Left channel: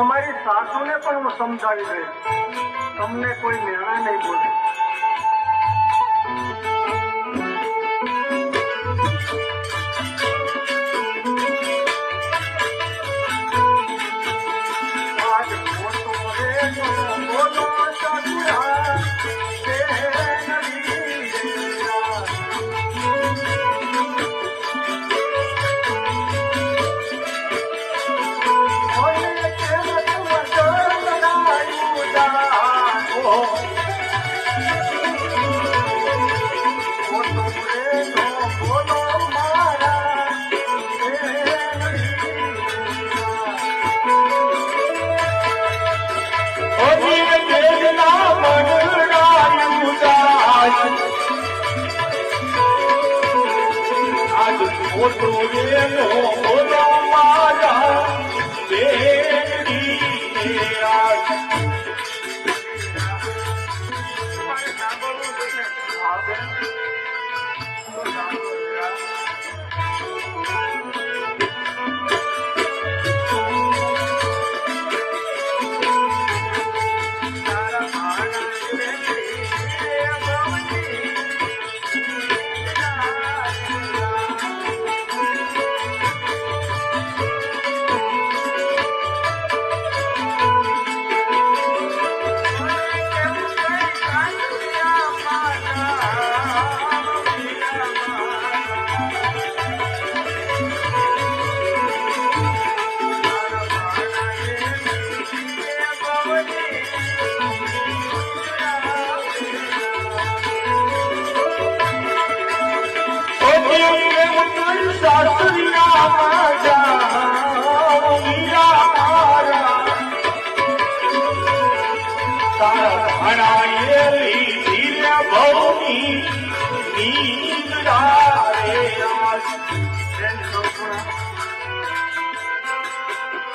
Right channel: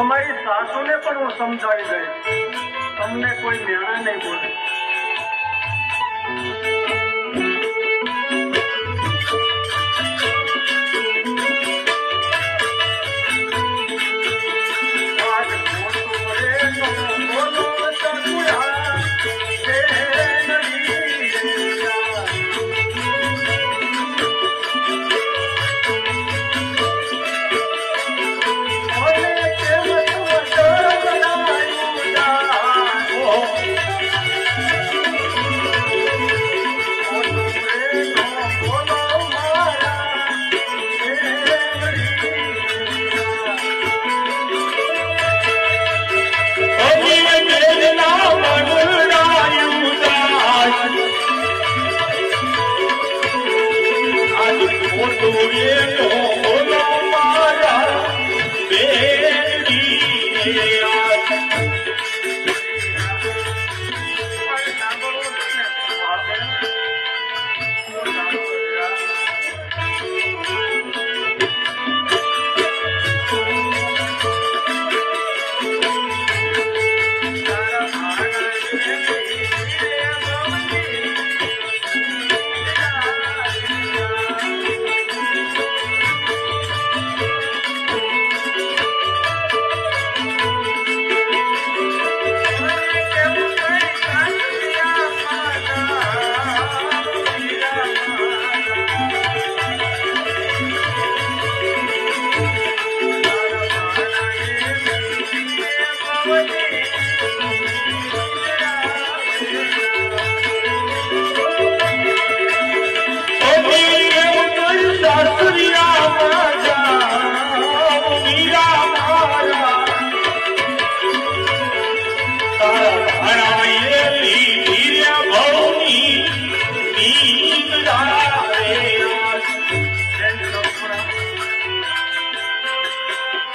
તમારી સાસુને પણ હું સમજાવી દઈશ, તમને કોઈ મેળા નહીં બોલે.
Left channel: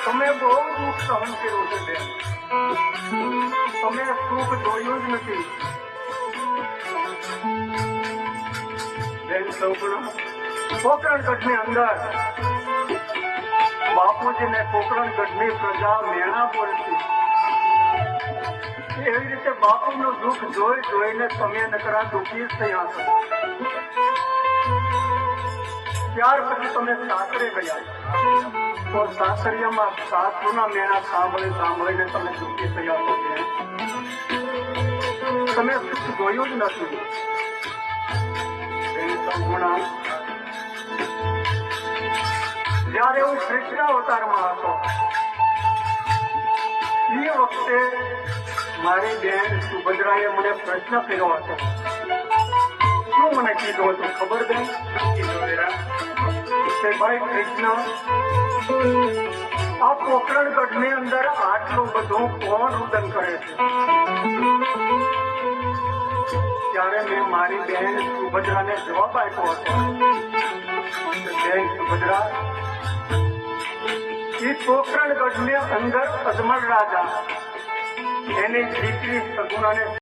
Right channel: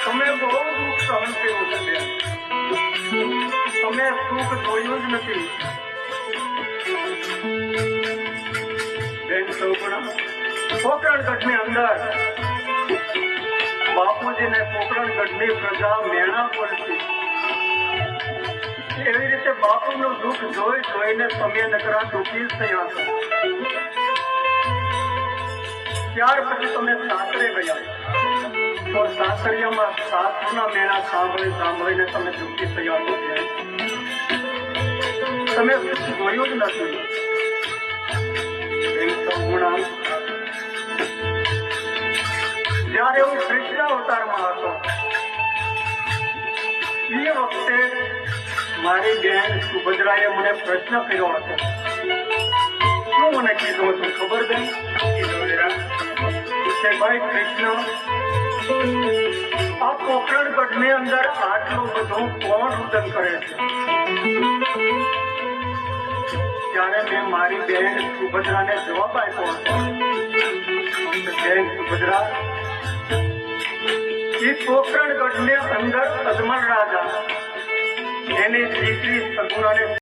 તમે બહુ દુઃખ સહન કર્યું છે બેન, તમે સુખ જોયું જ નથી બેન. પોકરણગઢની અંદર બાપુજીને પોકરણગઢની પ્રજા મેળા પડતી, એવી રીતે બાપુનું દુઃખ જોઈને તમે નકરા દુઃખી થયા છો. ત્યાર પછી તમે સાસરે ગયા, તો સાસરિયામાં સાસુના મેળા સાંભળીને તમે દુઃખી થયા છો. તમે જોયું જ નથી. જયારે હું કૃષ્ણ અવતારમાં હતો એ વખતે મારી બેન સુભદ્રાએ મને પ્રશ્ન કર્યો હતો. શું મને કીધું હતું ખબર બેન? કે ભાઈ કૃષ્ણ, આ પોકરણગઢની અંદર આટલું બધું કોણ રુદન કરે છે? ત્યારે મેં મારી બેન સુભદ્રાને જવાબ આપ્યો હતો, બેન સુભદ્રા, એ પોકરણગઢની અંદર અજમલ રાજા એની દીકરી સગુણાને